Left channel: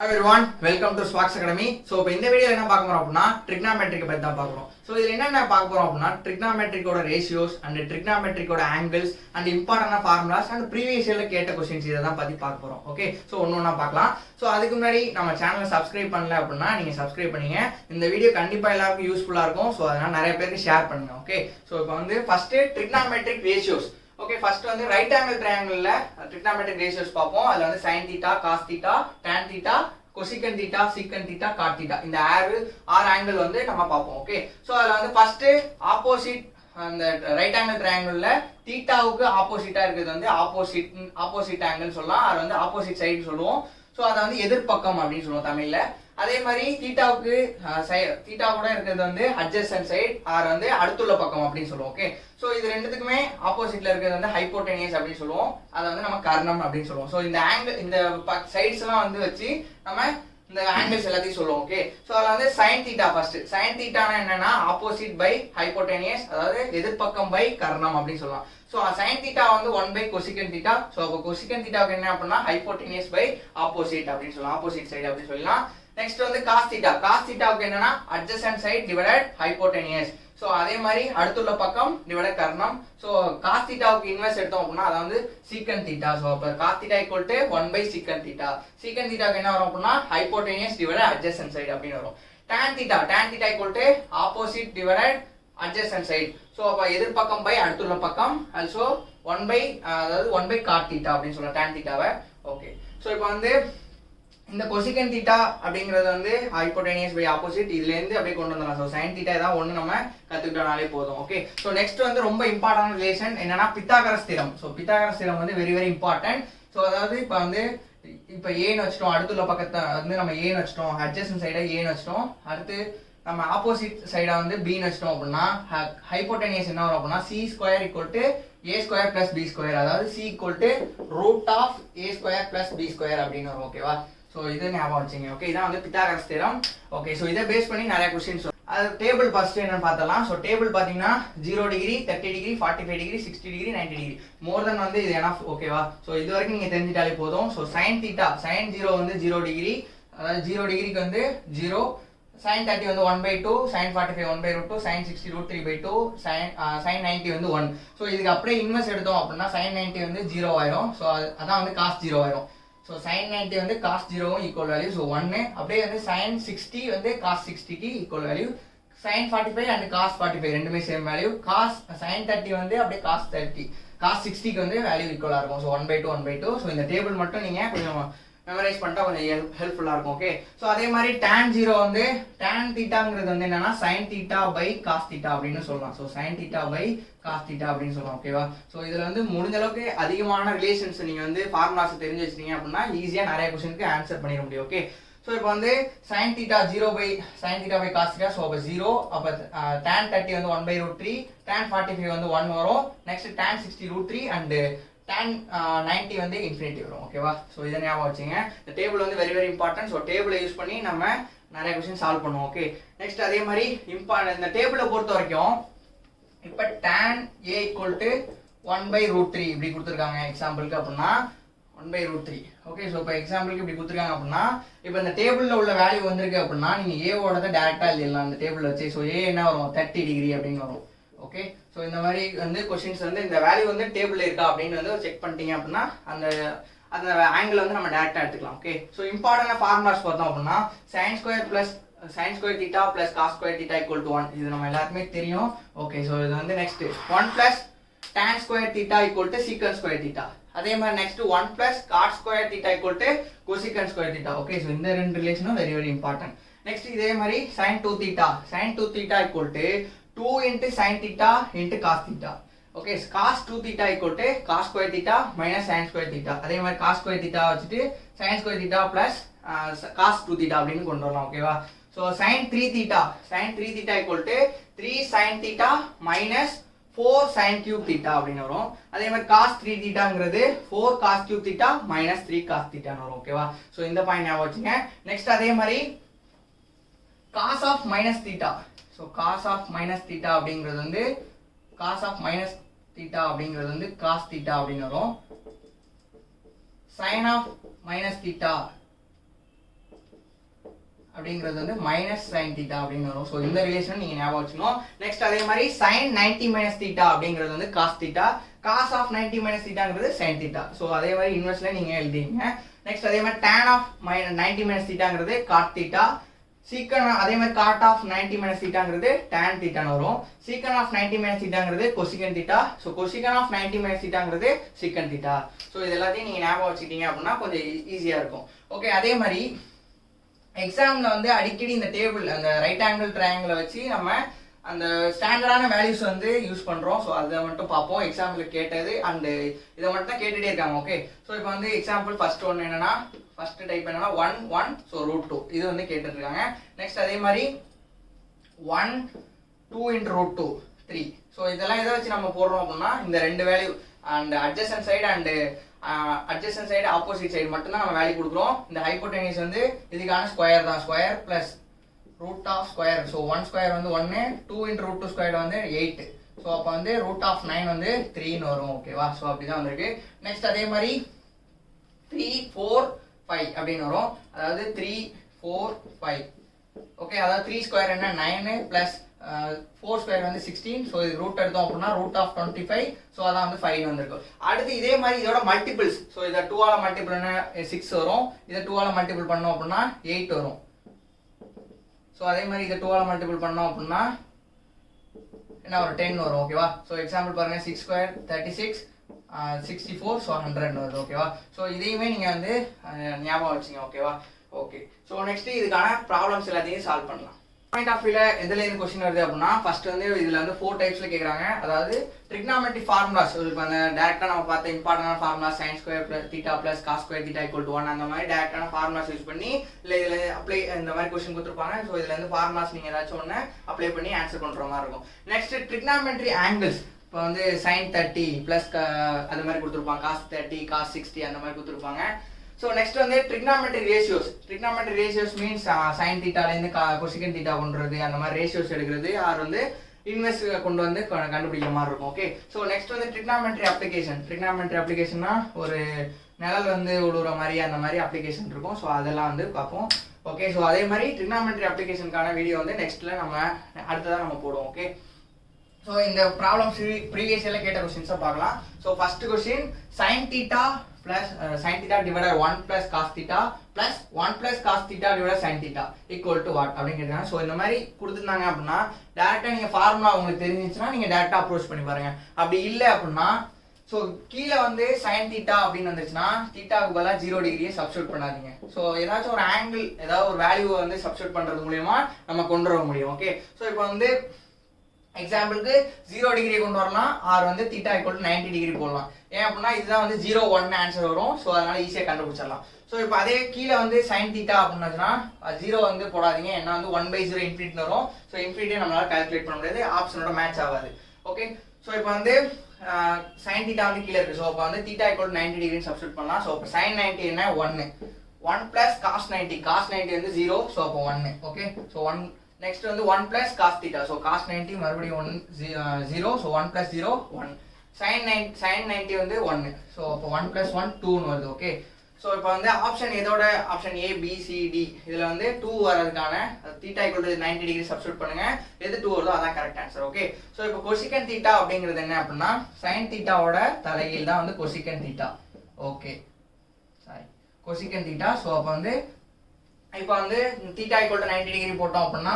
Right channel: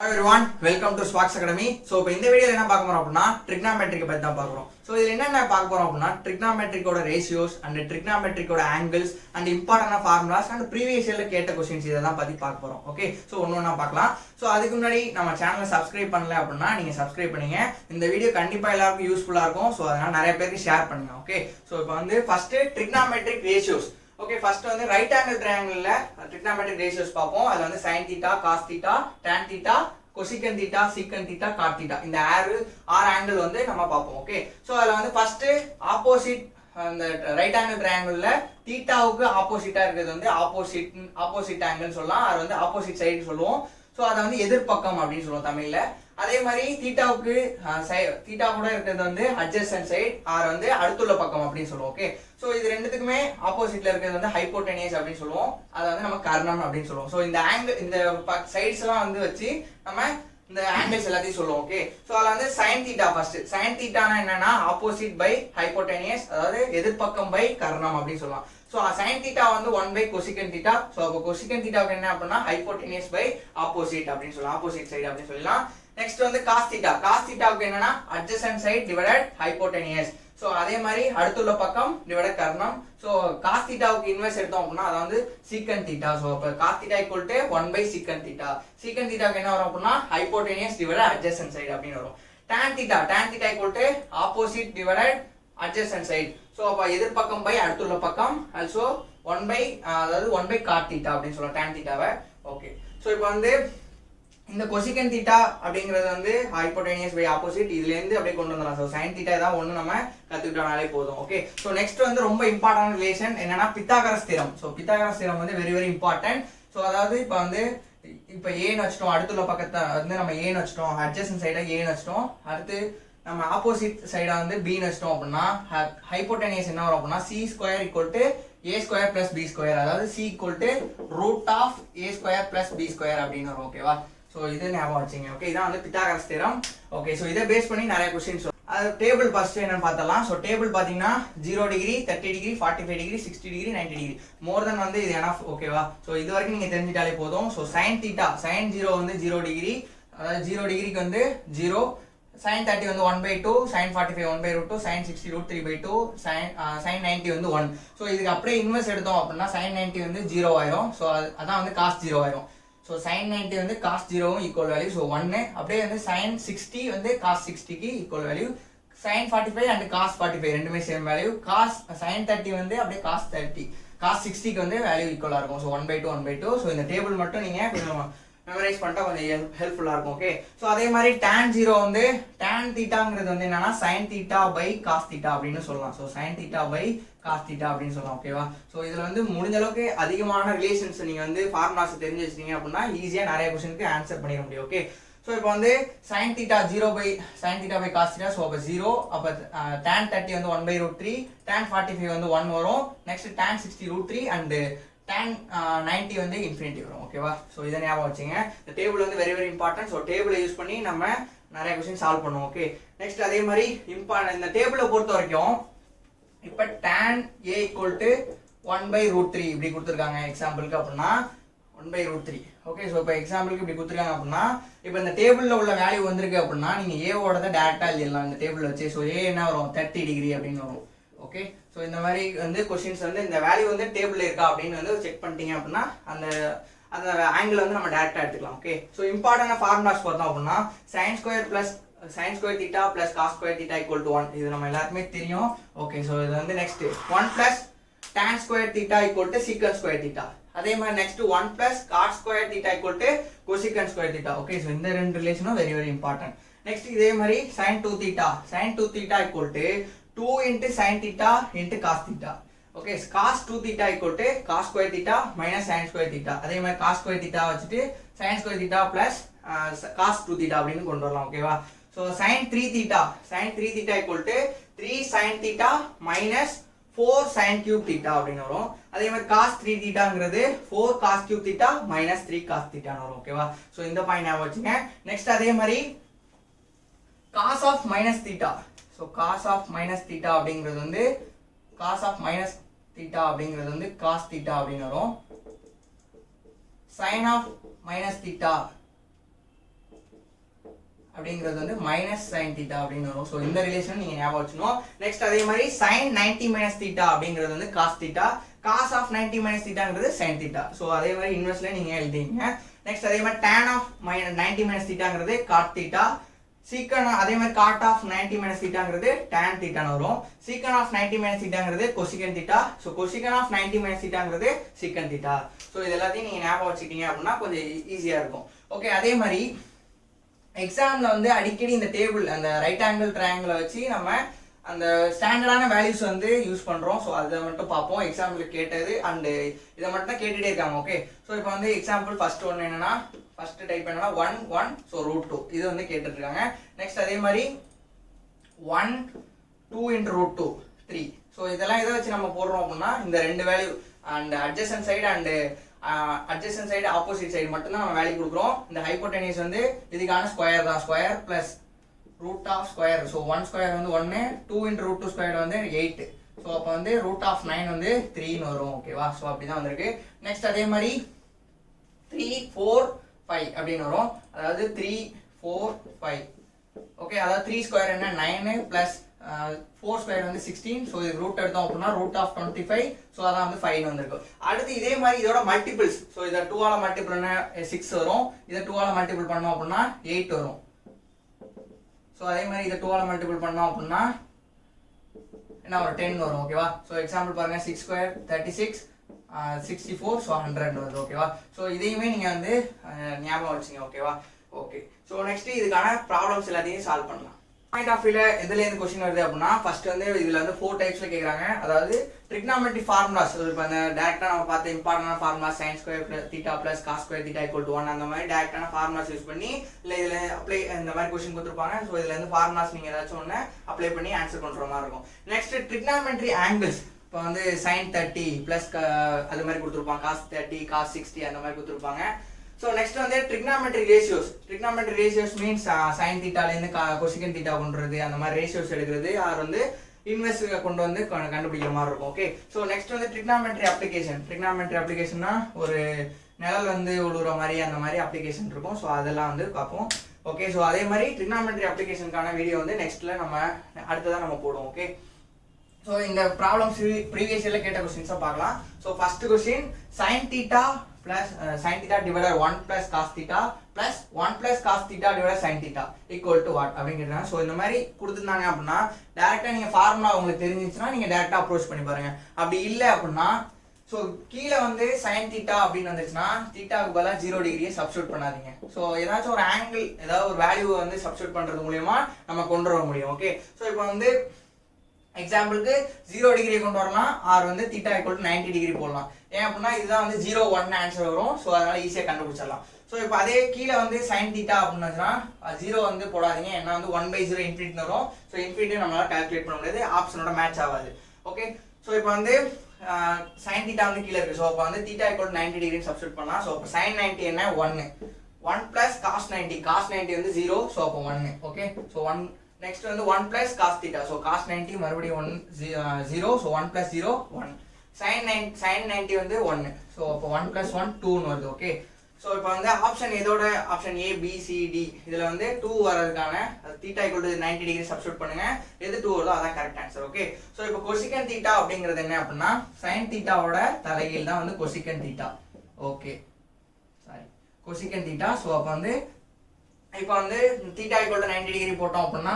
Hi everyone, welcome to Sparks Academy. So இப்போ இந்த வீடியோல என்ன பார்க்க போறோம் அப்படினா trigonometric பத்தி தான் பார்க்க போறோம். So இதுல என்னென்ன பார்க்க போறோம் அப்படினா trigonometric ஓட ratios and trigonometric ஓட angles and important formulas and previous yearல கேட்ட क्वेश्चंस இத தான் பத்தி பார்க்க போறோம். ஓகே, சோ ஒவ்வொண்ணா பார்க்கலாம். சோ அதுக்கு முன்னாடி நம்ம சேனலை சப்ஸ்கிரைப் பண்ணல அப்படினா நீங்க சப்ஸ்கிரைப் பண்ணீங்க. இந்த வீடியோ கண்டிப்பா எல்லாருக்கும் யூஸ்ஃபுல்லா இருக்கும். சோ அதனால நிறைய பேருக்கு ஷேர் பண்ணுங்க. ஓகே, சோ இப்போ வந்து first trigonometric ratios. Okay, first வந்து ரைட் ஆங்கிள் ட்ரையாங்கிள்ல trigonometric ratios பாப்போம். அதுல வந்து sin θ, cos θ, tan θ, cosecant θ, secant θ, cot θ இந்த ஆறு ஆங்கிள் வந்து நம்ம பாப்போம். ஓகே, சோ அதுல வந்து ஃபர்ஸ்ட் ஆப்போசிட் அந்த ரைட் ஆங்கிள் ட்ரையாங்கிள்ல தீட்டாவுக்கு ஆப்போசிட்டா இருக்கிறது வந்து ஆப்போசிட் ஆங்கிள் சொல்லலாம். அது வந்து ஆப்போசிட் சைடு சொல்லுவோம். சோ அத வந்து எதிர்பக்கம் அப்படின்னு சொல்லுவோம் தமிழ்ல. அதே மாதிரி தீட்டாவுக்கு தீட்டா கூட இருக்கிறது வந்து அட்ஜசன்ட் சைடு ஆர் வந்து அடுத்துள்ள பக்கம் அப்படின்னு சொல்லுவோம். ஓகே, சோ இது ரெண்டுத்துக்குமே ஆப்போசிட்ல இருக்கிறது வந்து ஹைப்போடெனியஸ் அப்படின்னு சொல்லுவோம். அதை வந்து நம்ம கர்ணம் அப்படின்னு சொல்லுவோம். சோ இந்த ஆங்கிள் இந்த சைட்ஸ் எல்லாம் வந்து வச்சு நம்ம இந்த ஆங்கிள்ஸ் எல்லாத்தையும் சொல்லுவோம். ஓகே, சோ அதுல வந்து sin θ ஃபர்ஸ்ட். sin θனா என்னன்னா ஆப்போசிட் பை ஹைப்போடெனியஸ், அதாவது எதிர்பக்கம் பை கர்ணம் அப்படின்னு சொல்லலாம். சோ sin θ வந்து 1 by cosecant θ. சோ அப்ப cosecant θக்கு என்ன அப்படினா ஹைப்போடெனியஸ் பை ஆப்போசிட் அப்படின்னு சொல்லலாம். ஆப்போசிட் சைடு அப்படின்னு சொல்லலாம். நெக்ஸ்ட் வந்து cos θ. cos θக்கு என்னன்னா adjacent side divided hypotenuse. So அதே மாதிரி அடுத்துள்ள பக்கம் divided கர்ணம். சோ cos θக்கு இன்வெர்ஸ் எடுத்தோம் அப்படினா அது வந்து secant θ. சோ அப்ப cos θ 1 by secant θ. secant θக்கு என்ன வரும் அப்படினா hypotenuse divided adjacent side அப்படினு வரும். tan θ opposite divided adjacent side. So அப்ப எதிர்பக்கம் பை அடுத்துள்ள பக்கம் also 1 by அதாவது 1 by cot θ அப்படினு சொல்லலாம் tan θவை. ஓகே, சோ இப்போ வந்து இந்த cosecant θ அப்படிங்கிறது வந்து ஹைப்போடெனியஸ் பை ஆப்போசிட், இதுல இருந்து அப்படியே கொண்டு வந்துடலாம். சோ sin θ தான் ஒண்ணு நம்ம கத்துக்கிட்டோம்னாலே போதும். ஓகே, சோ நெக்ஸ்ட் வந்து ரொம்ப இம்பார்ட்டன்ட் ரிலேஷன் என்னன்னா Pythagoras theorem. So Pythagoras theorem வந்து வெரி வெரி இம்பார்ட்டன்ட். சோ அதாவது இப்போ வந்து இப்போ ஏன்னு வச்சிட்டோம், அடுத்துள்ள பக்கத்தை வந்து நம்ம ஏன்னு வச்சிட்டோம், அட்ஜசன்ட் சைடை ஏன்னு வச்சிட்டோம், அடுத்து நம்ம ஆப்போசிட் சைடா வந்து b ன்னு வச்சிட்டோம் அப்படின்னா ஹைப்போடெனியஸ் என்ன வரும் அப்படின்னா c square equal to a square plus b square, அதாவது c equal to root of a square plus b square அப்படின்னு வரும். ஓகேவா, சோ இது ஞாபகம் வச்சுங்க. ஓகே, இதான் வந்து பித்தாகரஸ் தியரம். ஓகே, சோ இதை பேஸ் பண்ணி நிறைய क्वेश्चंस அது டேபிள் ஃபர்ஸ்ட் என்னன்னு பார்த்தலாம். சோ டேபிள் பாத்தீங்கன்னா 0 degree, 30 degree, 45 degree, 60 degree, 90 degree more then வந்து இது எனஃப். ஓகேவா, சோ இது வரைக்கும் நீங்க தெரிஞ்சிட்டாலே போதும். சோ sin θ sin 0 வந்து 0 டிகிரி, அதாவது 0 டிகிரிக்கு வந்து 0, sin 30 வந்து 1 by 2, sin 45 1 by root 2, sin 60 root 3 by 2, sin 90 வந்து 1. சோ இதுக்கு அப்படியே இன்வெர்ஸ் எடுத்தோம் அப்படின்னா sin 90 வந்து 0 ஆயிரும். சோ அதான் வந்து cos 0 ஆயிரும். சோ sin 90 வந்து cos 0 ஈக்குவல் வேல்யூ. சோ 1 அப்படியே வந்து sin 60 வந்து cos 60 க்கு equal value. sin 45 and cos 45 ரெண்டுமே சேம் வேல்யூ. cos sin 30 வந்து அப்படியே cos 30 cos 60 க்கு வந்து வேல்யூ ஈக்குவலா இருக்கும். So 1 by 2 1 by 2. சோ இந்த டேபிள் மட்டும் நீங்க கொஞ்சம் மெமரைஸ் பண்ணிட்டா கொஞ்சம் ஹெல்ப்ஃபுல்லா இருக்கும். ஓகே, சோ அதே மாதிரி tan 0 வந்து tan θங்கிறது வந்து என்னன்னா sin θ by cos θ அப்படின்னு சொல்லலாம். சோ sin θ by cos θ அப்படின்னு சொல்லலாம். ஓகேவா, சோ இதுல வந்து முடிஞ்ச அளவுக்கு அதிகமான ரிலேஷன்ஸ் நீங்க வந்து ஃபார்முலாஸ் தெரிஞ்சு வச்சிட்டீங்க அப்படின்னா ஈஸியா நிறைய क्वेश्चनக்கு ஆன்சர் பண்ணிட முடியும். ஓகே, சோ இப்போ வந்து sin θ 0 by sin θ by cos θ. So அப்ப 0, அப்ப tan 30 வந்து 1 by root 3, tan 45 வந்து 1 வரும். Next tan 60 root 3 and tan 90 வந்து இன்ஃபினிட்டி வரும். ஓகேவா, சோ இத ஞாபகம் வச்சுங்க. இந்த டேபிள் வந்து வெரி வெரி இம்பார்ட்டன்ட். சோ டேபிளை யூஸ் பண்ணி நம்ம நிறைய क्वेश्चन சால்வ் பண்ணுவோம். ஓகே, நெக்ஸ்ட் அதே மாதிரி இந்த டேபிளை பொறுத்த வரைக்கும் இப்போ tan a = 1 by root 3 இப்படி கொடுத்திருக்காங்க எக்ஸாம்பிளுக்கு அப்படினா 1 by root 3. ஓகே, சோ இப்போ எக்ஸாம்பிளுக்கு இப்படி கொடுத்திருக்காங்க அப்படினா இப்போ இந்த டேபிள்ல உள்ள வேல்யூ வந்திருக்கு அப்படினா நீங்க a ஓடத டைரக்டா எழுதலாம் இந்த டேபிள்ல வச்சு. சோ a என்ன வரும் 30 டிகிரி அப்படினு வரும். ஓகே, சோ இந்த மாதிரி வந்து क्वेश्चंस வந்து இந்த வேல்யூ வந்து டேபிள்ல இருக்கா அப்படின்னு வந்து செக் பண்ணிட்டீங்க அப்படினா அந்த ஆங்கிள் வந்து நம்ம டைரக்டா எடுத்துக்கலாம். ஓகே, சோ இம்பார்ட்டன்ட் ஃபார்முலாஸ் பார்த்தோம் அப்படினா sin square θ plus cos square θ = 1. இது நம்ம எல்லாருக்குமே தெரியும். ஓகே, சோ இது வந்து next 1 plus tan square θ = secant square θ. அதே மாதிரி next 1 plus cot square θ = cosecant square θ. Okay, so இந்த ரெண்டு ரிலேஷனும் வெரி வெரி இம்பார்ட்டன்ட். நெக்ஸ்ட் இதே மாதிரி sin 2θ = 2 into sin θ into cos θ. Okay, cos 2θ = cos square θ minus sin square θ. அதே மாதிரி cos square θ வச்சிட்டு sin square θ plus cos 2θ அப்படினு கொண்டு வரலாம். ஓகேவா, so sin 3θ = 3 sin θ minus 4 sin cube θ அப்படினு வரும். அதே மாதிரி cos 3θங்கிறது 4 cos cube θ minus 3 cos θ னு வரும். ஓகேவா, சோ இந்த பாயிண்ட் ஞாபகம் வச்சுங்க. நெக்ஸ்ட் அதே மாதிரி cos of minus θ. So cos of minus θ அப்படிங்கிறது வந்து cos of minus θ அப்படிங்கிறது வந்து cos θ அப்படினு வரும். sin of minus θ அப்படிங்கிறது வந்து மைனஸ் சைன் தீட்டா அப்படின்னு வரும். ஸோ இந்த ரிலேஷன் நீங்கள் ஞாபகம் வச்சுக்கணும். நெக்ஸ்ட் அதே மாதிரி சைன் 90 மைனஸ் தீட்டா அப்படிங்கிறது வந்து cos theta, cos of 90 minus தீட்டாங்கிறது சைன் தீட்டா. ஸோ அதே மாதிரி இன்வெர்ஸ்ல நீங்கள் எழுதிங்க. நெக்ஸ்ட் அதே மாதிரி tan ஆஃப் 90 மைனஸ் தீட்டாங்கிறது காட் தீட்டா, சீக்கன் அதே மாதிரி காட் ஆஃப் 90 மைனஸ் தீட்டாங்கிறது tan தீட்டான்னு வரும். சீக்கன் ஆஃப் 90 மைனஸ் தீட்டாங்கிறது cosecant theta. So cosecant of 90 minus தீட்டாங்கிறது சீக்கன் தீட்டா. ஸோ இது எல்லாத்தையும் நீங்கள் ஞாபகம் வச்சுக்கிட்டீங்க அப்படின்னா கொஞ்சம் ஈஸியாக இருக்கும். ஓகே, அதே மாதிரி எக்ஸாமில் வந்து அடிக்கடி இந்த டேபிள் அந்த ரைட் ஆங்கிள் ட்ரையாங்கிளை வச்சு நம்ம அந்த ஸ்டாண்டர்டான வேல்யூஸ் வந்து யூஸ் பண்ணுறோம். ஸோ அதை மட்டும் பார்ப்போம். எக்ஸாம்பிள் கேட்டது அண்டு இதை மட்டும் தான் கேட்டுகிட்டே இருக்காங்க. ஓகே, ஸோ இப்போ வந்து எக்ஸாம்பிள் ஃபர்ஸ்ட் ஒன்று என்னன்னா, ஃபர்ஸ்ட் டைப் என்னன்னா 1 1 ஸோ √2 இது வந்து கேட்டுருக்காங்க. நெக்ஸ்ட் அதே மாதிரி 1 2 × √2 3. ஸோ இதெல்லாம் எதை வச்சு நம்ம போடுறோம் அப்படின்னா இந்த ரெண்டு value and adjacent side and adjacent side opposite side மட்டும்தான் நம்ம வேல்யூ கொடுக்குறோம். இந்த ஹைப்போடெனியூஸ் வந்து இதுக்கான ஸ்கொயர் தான், square plus root of square. So 1 square வந்து 1, 2 × √2 ஸ்கொயர் வந்து 8. ஸோ அப்போ வந்து ரூட் ஆஃப் 9 வந்து 3ன்னு வரும். ஓகேவா? ஸோ அப்படிதான் வந்திருக்கு. நெக்ஸ்ட் அதே மாதிரி 3 4 5 அப்படின்னு வரும். அதாவது 3 4 5. ஓகே, அதாவது 3 ஸ்கொயர் என்ன 9 பிளஸ் 4 ஸ்கொயர் வந்து 16. ஸோ இது ரூட் எடுத்தோம் அப்படின்னா ரூட் ஆஃப் 25. ஸோ அதான் வந்து 5 வந்திருக்கும். அடுத்து இதே மாதிரி இதோட மல்டிபிள்ஸ். ஸோ இதை 2ஆல் மல்டிபிள் பண்ண 6 வரும். இதை 2ஆல் மல்டிபிள் பண்ணோம் அப்படின்னா 8 வரும். ஸோ அதே மாதிரி இதை 2ஆல் மல்டிபிள் பண்ணோம் அப்படின்னா என்ன ஒரு 10 வரும். ஓகேவா? ஸோ எக்ஸாம்பிள் பாருங்க 6 ஸ்கொயர் 36 64. ஸோ 100 வருது. ஓகேவா? ஸோ இதையுமே நீங்கள் வந்து ஞாபகம் வச்சுங்க. ஓகேவா? ஓகே, ஸோ நெக்ஸ்ட் இதுக்கான ப்ராப்ளம்ஸ் எல்லாத்தையும் சால்வ் பண்ணலாம். பாயிண்ட் ஆஃப் வியூல எதுல இருந்து क्वेश्चन வருது அப்படின்னா ஃபர்ஸ்ட் வந்து இதுல வந்து 4 டைப்ஸ்ல கேக்குறாங்க. அதாவது ட்ரிகனாமெட்ரி ஃபார்முலாஸ். இப்போ அந்த டைரக்ட்டா நம்ம பார்த்த இம்பார்ட்டன்டான formula sin square theta plus cos square theta = 1 அந்த மாதிரி டைரக்ட்டான ஃபார்முலாஸ் யூஸ் பண்ணி இல்ல இதுல அப்ளை இந்த மாதிரி क्वेश्चन கொடுத்திருப்பாங்க. சோ இதுல இருந்து ஃபார்முலாஸ் நீங்க ஏதாச்சும் ஒண்ணு அப்ளை பண்ணி ஆன்சர் பண்ற மாதிரி இருக்கும். Next trigonometry angles. இப்போ வந்து sin 30 பிளஸ் அது மாதிரி கொடுத்திருப்பாங்க, cos 30 cos 60 அந்த மாதிரி கொடுத்திருப்பாங்க. So next வந்து trigonometry ratios. Trigonometry ratios means sin theta ல இருந்து cosecant theta பண்றது அந்த மாதிரி ratios எடுக்கிறது யார் வந்து இன்வெர்ஸ் கொண்டு வந்து கண்டுபிடிக்கிற மாதிரி இருக்கும். ஓகே, ஸோ நெக்ஸ்ட் வந்து trigonometry application. Trigonometry applicationனா ஒரு நிழல் வந்து உழுவுற மாதிரி அந்த மாதிரி அப்ளிகேஷன் இருக்கும். ஸோ அதெல்லாம் வந்து பார்ப்போம். ஓகே, ஸோ அதே மாதிரி trigonometry applicationக்கான வீடியோ வந்து நெக்ஸ்ட்ல நம்ம அடுத்ததான் நம்ம போடுவோம். ஓகே, ஸோ இந்த ப்ராப்ளம்ஸ் ப்ரீவியஸ் இயர்ல கேட்ட கொஸ்டின்ஸை பார்க்கலாம். So first question sin theta plus sin theta divided 1 plus cos theta plus 1 plus cos theta divided sin theta equal to what அப்படிங்கிறதுனா. ஸோ இந்த மாதிரி கொடுத்துருந்தாங்க அப்படின்னா டேரெக்டாக நீங்கள் ஃபார்முலா உங்களுக்கு தெரிஞ்சிச்சுன்னா நீங்கள் டேரெக்டாக அப்ரோச் பண்ணி பாருங்க. அப்படி இல்லை அப்படின்னா ஸோ கீழே வந்து sin theta அப்படின்னு வந்துச்சுன்னா தீட்டாவுக்கு பதிலாக 0 டிகிரியை சப்ஸ்டியூட் பண்ணாதீங்க. ஸோ ஏதாச்சும் ஒரு ஆங்கிள் ஏதாவது ஒரு வேல்யூவை வந்து சப்ஸ்டியூட் பண்ணுறது மூலியமா நம்ம கொண்டு வர முடியும். ஓகே, ஸோ இப்போ வந்து எக்ஸாம்பிளுக்கு 0 டிகிரி கொண்டு வரலாம், ஆர் வந்து தீட்டா = 90 டிகிரி போடலாம். ஏன் அப்படின்னா இதுதான் வந்து 0 1 ஆன்சர் வரும். ஸோ அதனால ஈஸியாக கண்டுபிடிச்சிடலாம். ஸோ இப்போ அதே கீழே வந்து sin தீட்டா அப்படின்னு வச்சுன்னா 0 வந்து போடாதீங்க. ஏன்னா வந்து 1/0 இன்ஃபினிட்டி வரும். ஸோ இன்ஃபினிட்டி நம்மளால கால்குலேட் பண்ண முடியாது, ஆப்ஷனோட மேட்ச் ஆகாது. ஓகே, ஸோ இப்போ வந்து sin தீட்டா வந்து கீழே இருக்கு. ஸோ இப்போ வந்து தீட்டா = 90 டிகிரி சப்ஸ்டியூட் பண்ணலாம். ஸோ இப்போ sin 90 என்ன 1 plus cos 90. cos 90 வந்து 0. ஸோ அப்போ 1. Okay, so 1. நெக்ஸ்ட் வந்து 1 plus cos theta. So cos 90 மறுபடியும் 0. So 1 plus 0 1. sin 90 வந்து 1. ஸோ அப்போ 1 plus 1 2ன்னு வருது. ஓகே, ஸோ இப்போ வந்து ஆப்ஷன் எதோட option A B C D இதில் வந்து 2 வரதுக்கான தீட்டா = 90 டிகிரி சப்ஸ்டியூட் பண்ணுங்க. எது 2 வருதோ அதான் கரெக்ட் ஆன்சர். ஓகே, ஸோ இப்போ கொசிகன் தீட்டா அப்படிங்கிறது என்ன அப்படின்னா sin தீட்டாவோட தலைகீழ் தான் வந்து cosecant theta. Okay, sorry cosecant theta. So அப்போ வந்து இப்போ வந்து தீட்டா = 90 டிகிரி போட்டோம் அப்படின்னா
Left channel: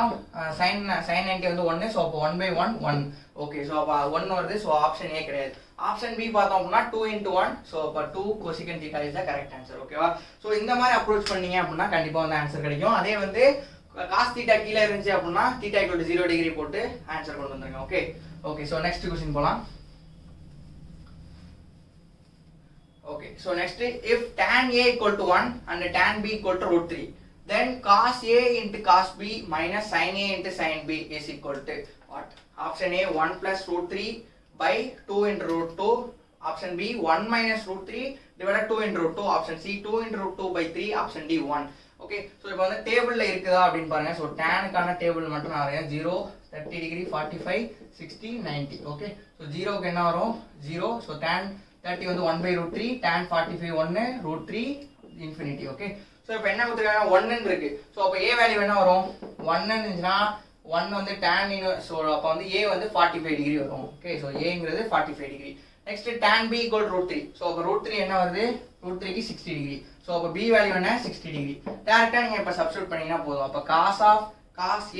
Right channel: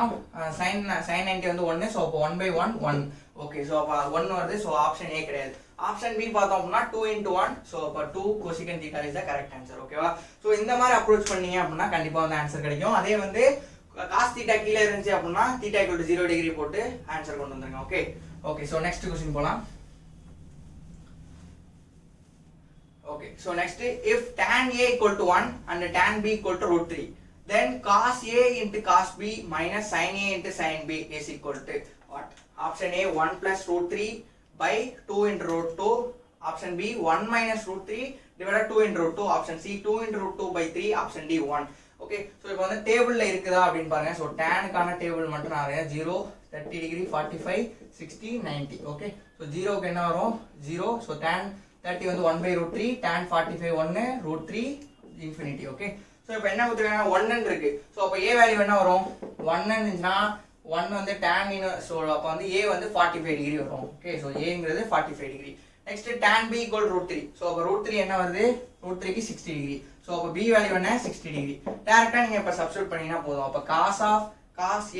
sin 90 வந்து 1. ஸோ அப்போ 1/1 1. ஓகே, ஸோ அப்போ 1 வருது. ஸோ ஆப்ஷன் ஏ கிடையாது. ஆப்ஷன் பி பார்த்தோம் அப்படின்னா 2 × 1. ஸோ அப்போ 2 cosecant theta is the correct answer. ஓகேவா? ஸோ இந்த மாதிரி அப்ரோச் பண்ணீங்க அப்படின்னா கண்டிப்பாக வந்து ஆன்சர் கிடைக்கும். அதே வந்து காஸ் தீட்டா கீழே இருந்துச்சு அப்படின்னா தீட்டா = 0 டிகிரி போட்டு ஆன்சர் கொண்டு வந்துருங்க. Okay, okay, so next question போகலாம். Okay, so next if tan A = 1 and tan B = √3 then cos A into cos B minus sin A into sin B is equal to what? Option A 1 plus √3 by 2 into √2. Option B 1 minus √3 divided 2 into √2. Option C 2 into √2 by 3. Option D 1. Okay, so இப்போ வந்து டேபிள்ல இருக்குதா அப்படின்னு பாருங்க. So டேனுக்கான table மட்டும் நான் வரேன். 0 30 degree 45 60 90. Okay, so 0க்கு என்ன வரும் 0. ஸோ tan 30 வந்து 1/√3, tan 45 1 √3 infinity. Okay, so so இப்போ என்ன கொடுத்துருக்காங்க 1 இருக்கு. ஸோ அப்போ ஏ வேல்யூ என்ன வரும் 1 இருந்துச்சுன்னா 1 வந்து tan இன்வர்ஸ். ஸோ அப்போ வந்து ஏ வந்து 45 டிகிரி வரும். ஓகே ஸோ ஏங்கிறது 45 degree. Next tan b = √3. So அப்போ √3 என்ன வருது √3க்கு 60 டிகிரி. ஸோ அப்போ b வேல்யூ என்ன 60 டிகிரி. டேரக்டா நீங்க இப்போ சப்ஸ்டிட்யூட் பண்ணீங்கன்னா போதும். அப்போ cos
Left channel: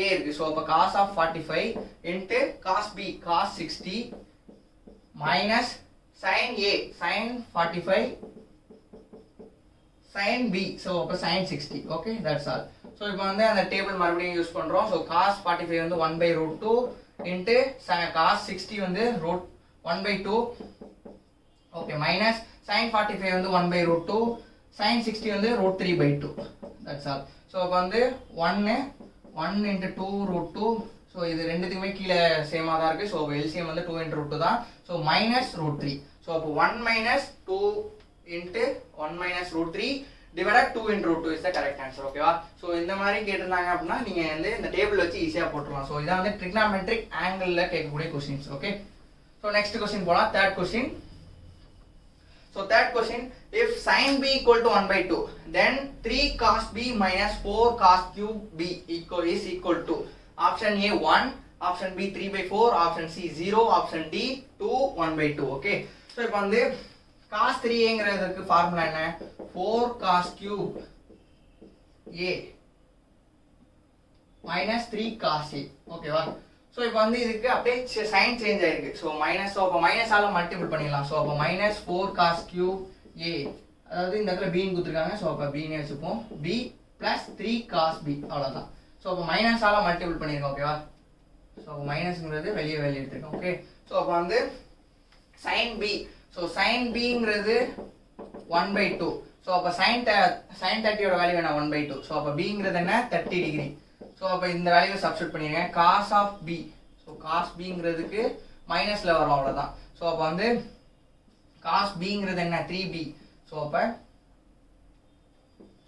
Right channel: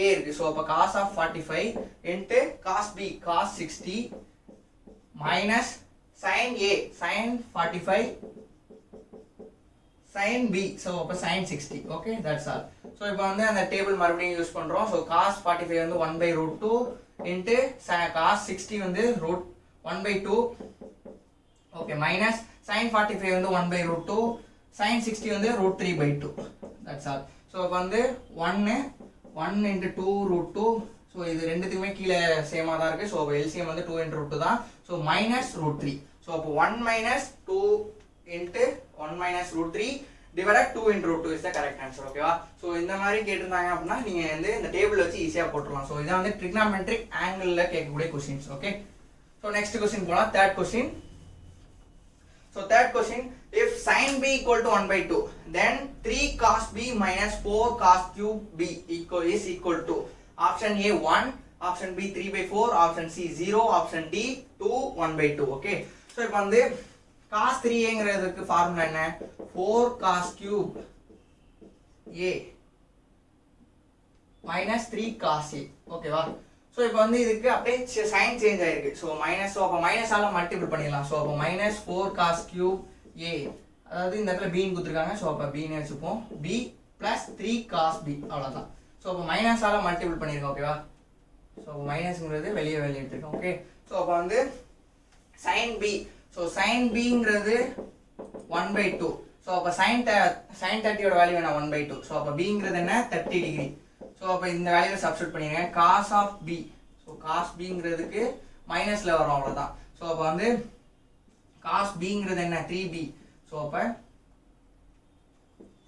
a இருக்கு. ஸோ அப்போ cos 45 into cos b cos 60 minus sin a sin 45 sin b so அப்போ sin 60. Okay that's all. So இப்போ வந்து அந்த டேபிள் மறுபடியும் யூஸ் பண்றோம். ஸோ cos 45 வந்து 1/√2 into cos 60 வந்து 1/2. ஓகே மைனஸ் sin 45 வந்து 1/√2 sin 60 வந்து √3/2. That's all. ஸோ இப்போ வந்து 1 into 2√2. ஸோ இது ரெண்டுத்துக்குமே கீழே சேமாக தான் இருக்கு. ஸோ எல்சிஎம் வந்து 2 into √2 தான். So minus √3. ஸோ அப்போ 1 minus 2 into 1 minus √3 divided 2 into √2 is the correct answer. ஓகேவா? ஸோ இந்த மாதிரி கேட்டிருந்தாங்க அப்படின்னா நீங்க வந்து இந்த டேபிள் வச்சு ஈஸியா போட்டுடலாம். ஸோ இதான் வந்து trigonometric angle கேட்கக்கூடிய questions. Okay so next question போலாம். Third question. So third question, if sin b equal to 1/2, then 3 cos b minus 4 cos cube b is equal to option A 1, option B 3/4, option C 0, option D 2 1/2. Okay. So இப்போ வந்து cos 3ங்கிறதுக்கு formula என்ன 4 cos cube a minus 3 cos a. ஓகேவா? So இப்போ வந்து இதுக்கு அப்படியே sign change ஆயிருக்கு. So minus. So அப்போ மைனஸால மல்டிபிள் பண்ணிடலாம். ஸோ அப்போ மைனஸ் 4 cos cube a, அதாவது இந்த இடத்துல பின்னு கொடுத்துருக்காங்க. ஸோ அப்போ பின்னு வச்சுப்போம். b பிளஸ் 3 cos b அவ்வளோதான். ஸோ அப்போ மைனஸால மல்டிபிள் பண்ணியிருக்கோம். ஓகேவா? ஸோ மைனஸ்ங்கிறது வெளியே எடுத்துருக்கோம். ஓகே ஸோ அப்போ வந்து சைன் b. ஸோ சைன் bங்கிறது 1/2. ஸோ அப்போ சைன் 30யோட வேல்யூ என்ன 1/2. ஸோ அப்போ bங்கிறது என்ன 30 டிகிரி. ஸோ அப்போ இந்த வேல்யூவை சப்ஸ்டிட்யூட் பண்ணிடுங்க. cos of b. So cos bங்கிறதுக்கு மைனஸில் வரும் அவ்வளோதான். ஸோ அப்போ வந்து cos bங்கிறது என்ன 3b. ஸோ அப்போ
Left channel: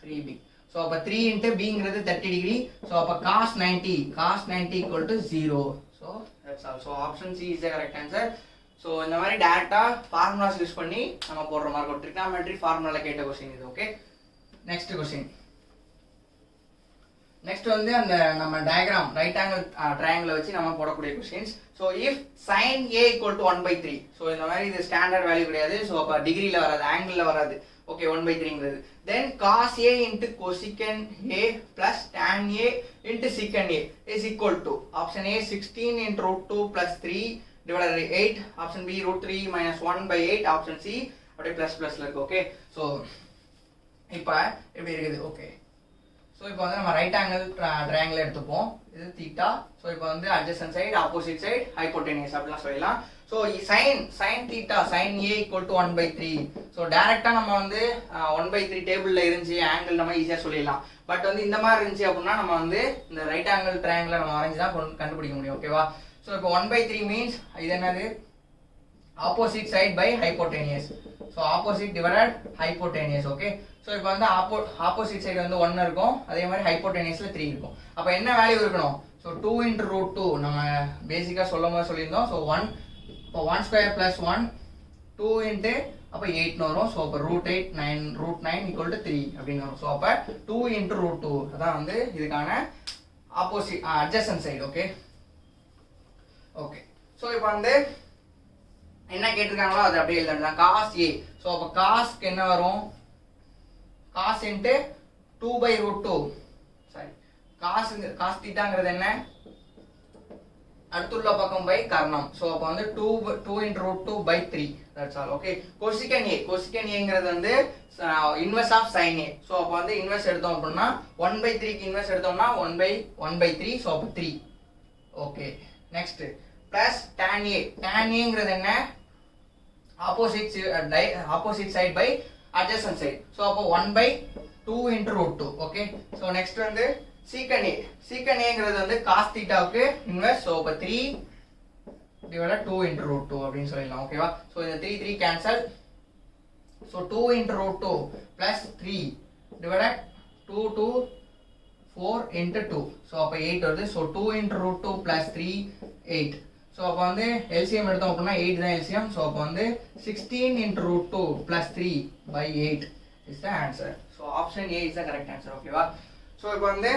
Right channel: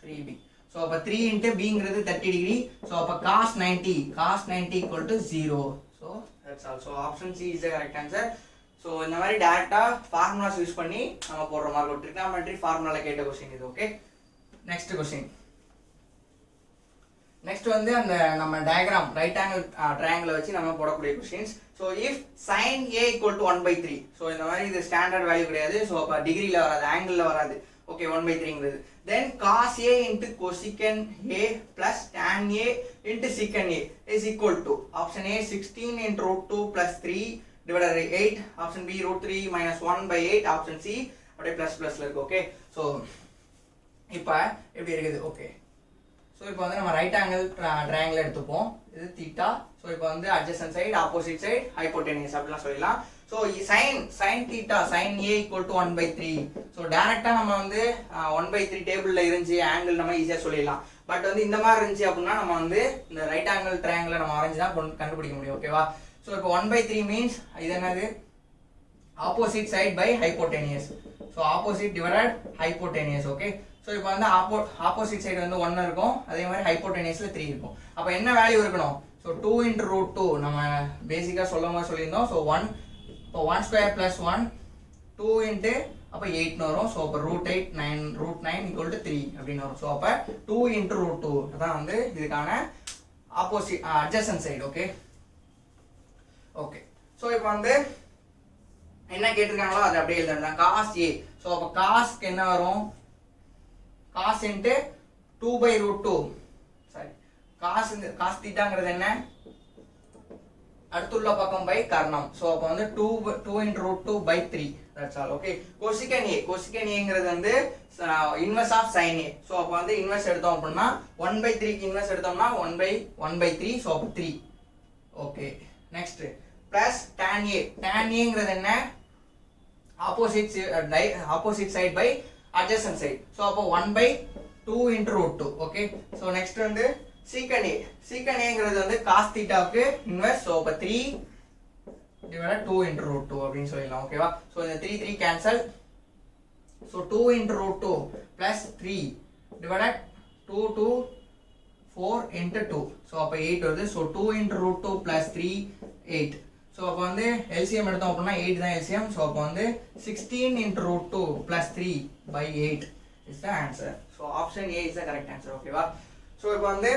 3b. ஸோ அப்போ 3 into bங்கிறது 30 டிகிரி. ஸோ அப்போ cos 90 equal to 0. So that's all. So option C is the correct answer. So இந்த மாதிரி டேரக்டா ஃபார்முலாஸ் யூஸ் பண்ணி நம்ம போடுற மாதிரி ஒரு ட்ரிகனாமெட்ரி ஃபார்முலால கேட்ட கொஸ்டின் இது. Okay next question. நெக்ஸ்ட் வந்து அந்த நம்ம டயக்ராம் ரைட் ஆங்கிள் ட்ரையாங்கிள் வச்சு நம்ம போடக்கூடிய questions. So if sin a equal to 1/3. So இந்த மாதிரி இது ஸ்டாண்டர்ட் வேல்யூ கிடையாது. ஸோ அப்போ டிகிரியில் வராது, ஆங்கிளில் வராது. ஓகே 1/3ங்கிறது. Then cos a into cosecant a plus tan a into secant a is equal to option A 16 into √2 plus 3 divided by 8, option B √3 minus 1/8, option C அப்படியே ப்ளஸ்ல இருக்கு. ஓகே ஸோ இப்போ எப்படி இருக்குது? ஓகே ஸோ இப்போ வந்து நம்ம right angle triangle எடுத்துப்போம். இது தீட்டா. ஸோ இப்போ வந்து adjacent side, opposite side, hypotenuse அப்படிலாம் சொல்லலாம். So sine theta sine A equal to 1/3. So டேரெக்டாக நம்ம வந்து 1/3 டேபிளில் இருந்துச்சு ஆங்கிள் நம்ம ஈஸியாக சொல்லிடலாம். பட் வந்து இந்த மாதிரி இருந்துச்சு அப்படின்னா நம்ம வந்து இந்த ரைட் ஆங்கிள் ட்ரையாங்கிளை நம்ம வரைஞ்சி தான் கண்டுபிடிக்க முடியும். ஓகேவா? ஸோ இப்போ 1/3 மீன்ஸ் இது என்னது opposite side by hypotenuse. So opposite divided hypotenuse. Okay so இப்போ வந்து ஆப்போசிட் சைடு வந்து 1 இருக்கும், அதே மாதிரி ஹைப்போடெனியஸ்ல 3 இருக்கும். அப்போ என்ன வேல்யூ இருக்கணும்? ஸோ 2 into √2 நம்ம பேசிக்காக சொல்லியிருந்தோம். ஸோ 1 இப்போ 1 ஸ்கொயர் பிளஸ் 1 2 into அப்போ 8 வரும். ஸோ அப்போ √8 9 ஈக்குவல் டு 3 அப்படின்னு வரும். ஸோ அப்போ 2 into √2 அதான் வந்து இதுக்கான opposite adjacent side. Okay okay so இப்போ வந்து என்ன கேட்டிருக்காங்களோ அது அப்படியே எழுதணும். cos a. ஸோ அப்போ காஸ்க்கு என்ன வரும்? cos into 2/√2. சாரி cos தீட்டாங்கிறது என்ன? அடுத்துள்ள பக்கம் பை கர்ணம். ஸோ அப்போ வந்து 2 into √2/3. That's all. Okay cosecant ஏங்கிறது வந்து inverse of sin a. So அப்போ வந்து இன்வெர்ஸ் எடுத்தோம் அப்படின்னா 1/3க்கு இன்வெர்ஸ் எடுத்தோம்னா 1/3. ஸோ அப்போ 3. ஓகே நெக்ஸ்ட் பிளஸ் tan ஏங்கிறது என்ன? Opposite side by adjacent side. So அப்போ 1/2 into √2. ஓகே ஸோ நெக்ஸ்ட் வந்து secant ஏங்கிறது வந்து cos தீட்டாவுக்கு இன்வெர்ஸ். ஸோ அப்போ 3 divided 2 into √2 அப்படின்னு சொல்லலாம். ஓகேவா? ஸோ இந்த 3 cancel. So 2 into √2 plus 3 divided 2 to 4 into 2. So அப்போ 8 வருது. So 2 into √2 plus 3 8. ஸோ அப்போ வந்து எல்சிஎம் எடுத்தோம் அப்படின்னா 8 தான் எல்சிஎம். ஸோ அப்போ வந்து 16 into √2 plus 3/8 is the answer. So so option A is the correct answer. ஓகேவா? ஸோ இப்போ வந்து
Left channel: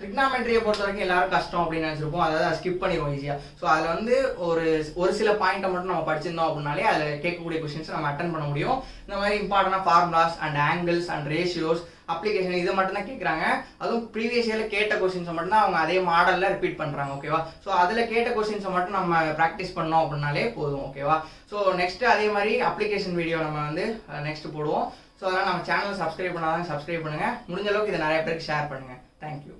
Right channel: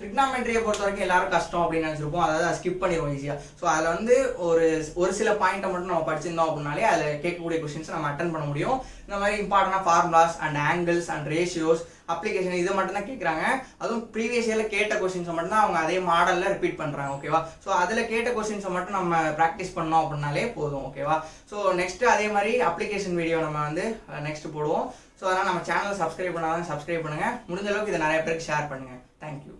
ட்ரிக்னாமெட்ரியை பொறுத்த வரைக்கும் எல்லாரும் கஷ்டம் அப்படின்னு நினச்சிருப்போம், அதாவது அதை ஸ்கிப் பண்ணிடுவோம் ஈஸியாக. ஸோ அதில் வந்து ஒரு சில பாயிண்ட்டை மட்டும் நம்ம படிச்சிருந்தோம் அப்படின்னாலே அதில் கேட்கக்கூடிய கொஸ்டின்ஸ் நம்ம அட்டன் பண்ண முடியும். இந்த மாதிரி இம்பார்ட்டண்டான formulas and angles and ratios application இது மட்டும் தான் கேட்குறாங்க. அதுவும் ப்ரீவியஸ் இயரில் கேட்ட கொஸ்டின்ஸை மட்டும் தான் அவங்க அதே மாடலில் ரிப்பீட் பண்ணுறாங்க. ஓகேவா? ஸோ அதில் கேட்ட கொஸ்டின்ஸை மட்டும் நம்ம ப்ராக்டிஸ் பண்ணோம் அப்படின்னாலே போதும். ஓகேவா? ஸோ நெக்ஸ்ட் அதே மாதிரி அப்ளிகேஷன் வீடியோ நம்ம வந்து நெக்ஸ்ட் போடுவோம். ஸோ அதனால் நம்ம சேனலை சப்ஸ்கிரைப் பண்ணாதான் சப்ஸ்கிரைப் பண்ணுங்கள். முடிஞ்ச அளவுக்கு இதை நிறைய பேருக்கு ஷேர் பண்ணுங்கள். தேங்க்யூ.